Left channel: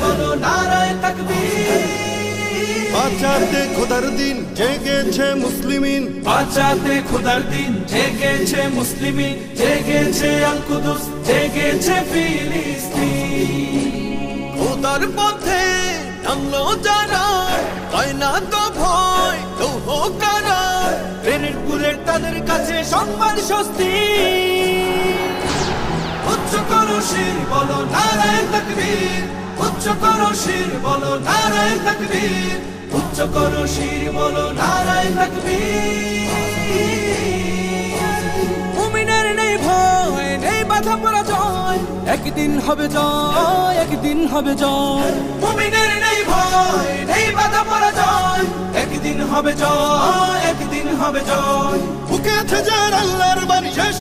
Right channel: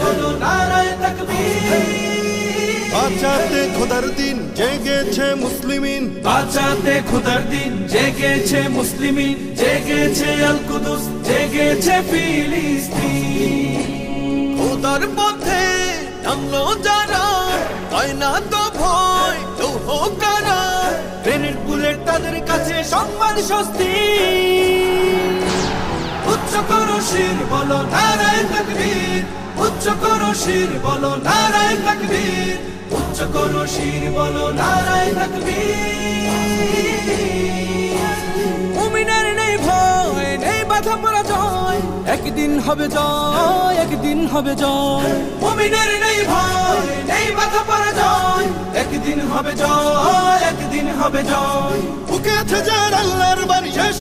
বলো নারায়ে তাকবীর। বাঁচাতে খোদার দিন জেগেছে মুসলিমিন, বাঁচাতে খোদার দিন জেগেছে মুসলিমিন, জেগেছে আল কুদুস, জেগেছে ফিলিস্তিন। খোদার পথে নামলো যারা, হয় না তো ভয় লৌহ কারা, গ্রেনেড বুলেট তাদের কাছে সংবাদ স্বস্তি। উচ্চ করো শির বলো নারায়ে তাকবীর, উচ্চ করো শির বলো নারায়ে তাকবীর, উচ্চ করো শির বলো নারায়ে তাকবীর। মুমিনের নেই ভয়, নেই বাধা পরাজয়, একদিন হবে জয়, একদিন হবে জয়। মুমিনের নেই ভয়, নেই বাধা পরাজয়, একদিন হবে জয়, একদিন হবে জয়। বুকে আছে যার আল্লাহর বাণী।